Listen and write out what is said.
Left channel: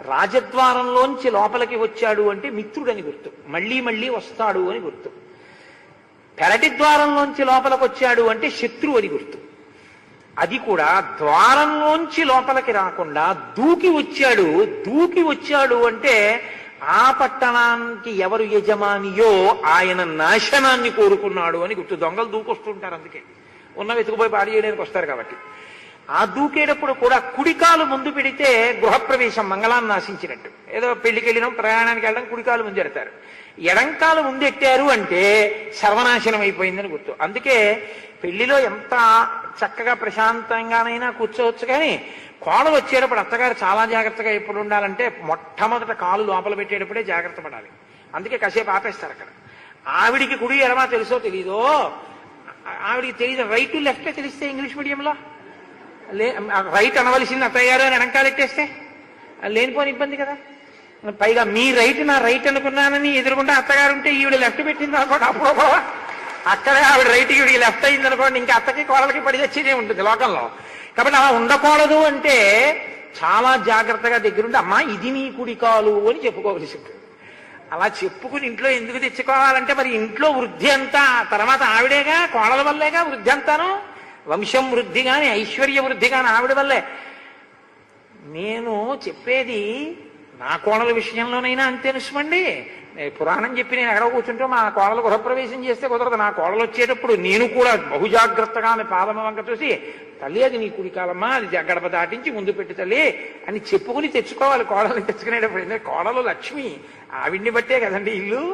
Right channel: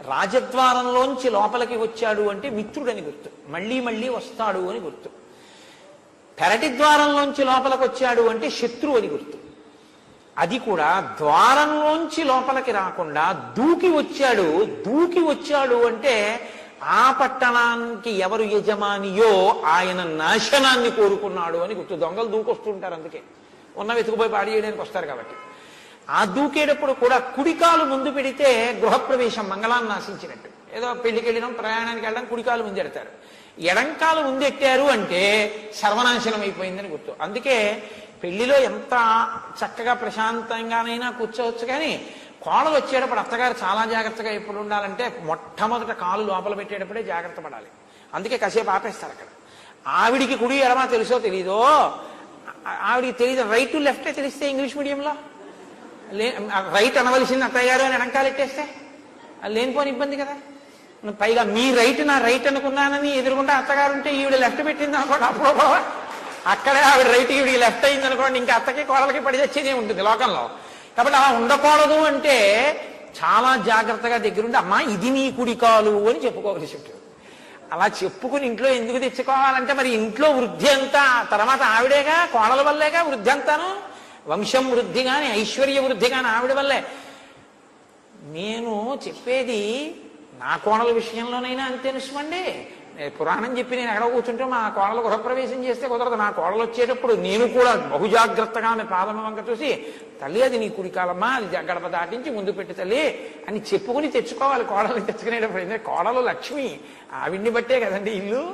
రాజద్వారంలోంచి లోపలికి వచ్చాడు అంటే మిత్రుడని గుర్తు. మళ్ళీ మళ్ళీ వస్తాడు అని గుర్తు. పెరటి ద్వారంలోంచి లోపలికి వచ్చాడు అంటే శత్రువు అని గుర్తు. అది కూడా ద్వారంలోంచి లోపలికి రాకుండా దూకి వచ్చాడు. దూకి వచ్చాడు అంటే ఆ పట్టణానికి ఎవరు యజమానియో ఆయన నాశనాన్ని కోరుకున్నాడు అని గుర్తు. దొంగలు దూకొస్తుంటారు అందుకే. ఉన్న వెతుకుపోయి పాడి చేయడానికి వస్తారు కాబట్టి. ఆ దూకేటప్పుడు కూడా కుడికాలు ముందు పెడితే గృహప్రవేశం మంగళాన్ని నాశించినట్టు ఏదో పెళ్ళికి వెళ్ళినాం ప్రయాణానికి వెళ్ళడం కుడికాలు ముందు ఎడతారు ఎడంకాలు ముందెట్టారు అంటే సర్వనాశనం అయిపోయిందని గుర్తు. అందుకే పెళ్ళిలో ఎంత చక్కగా ప్రశాంతంగానైనా కూర్చోవచ్చు కానీ కోడలు వచ్చేటప్పుడు అత్తగారు చాలా జాగ్రత్తగా ఎప్పుడు ఉండాలంటే మొట్టమొదట కాలు లోపల పెట్టేటప్పుడే జాగ్రత్త పడాలి. అందుకే కాసేపు ఆపేస్తారు అక్కడ. ఆవిడికి కుడి ఎడమా తెలుసో తెలీదో? ఆవిడికి తెలియదు రైట్ లెఫ్ట్ తెలిస్తే ఇంగ్లీష్ మీడియంలో? రైట్ అనవలసింది అత్తయ్యారు అని వెనకాలెట్టేస్తే లేనిపోని ఇబ్బంది కదా. పైగా మీ రైట్ నా రైట్ అనుకున్నానని ఎదురుకుంటే అత్తగారు ఉంటే ఈవిడ లెఫ్ట్ పెట్టింది అనుకోండి అప్పుడు బావ. అక్కడే ఆవిడ రైట్ ఈవిడ లెఫ్ట్ అయింది అనుకోండి ఇంకా అత్తకి కోడలకి పడి తెచ్చేదే ఉంటుంది లోకల్లో కాబట్టి అలా ఉండకూడదు అంటే చాలా జాగ్రత్తగా దగ్గరుండి అమ్మా ఇది నీ కుడి కాలు అని చెప్పుకోవలసి ఉంటుంది అలా చెప్పుకుని ఇంట్లో ఎందుకు తెచ్చుకోవాలంటే మరి ఇంట్లో వృద్ధి అంతా తర్వాత ఆవిడేగా కోడల వల్లేగా వృద్ధి అంతాను. వంశం వృద్ధి కానీ ఐశ్వర్య వృద్ధి కానీ ఆవిడ వల్లే. నేను చెప్పేది నా కోడల విషయంలోనైనా అంతే నిశ్వండి నేను పురాణం చెప్పి నేను ఎక్కడ కూర్చుంటే మా కోడలు గృహప్రవేశం చేస్తే కుదరదు. నా కోడలు వచ్చేటప్పుడు నేను కూడా బహుజాగ్రత్తగా ఆమె పాదమ వంక చూసి తల్లి అది నీ కుడికాలమ్మా అది గడప దాటించి ముందు పెట్టి తల్లి అని చెప్పుకుని తెచ్చుకోవాలి. కోడలు తెచ్చుకునేటప్పుడు ఎందుకంటే కోడలు లక్ష్మి ఆవిడ్ని బట్టే కదండి ఇల్లు.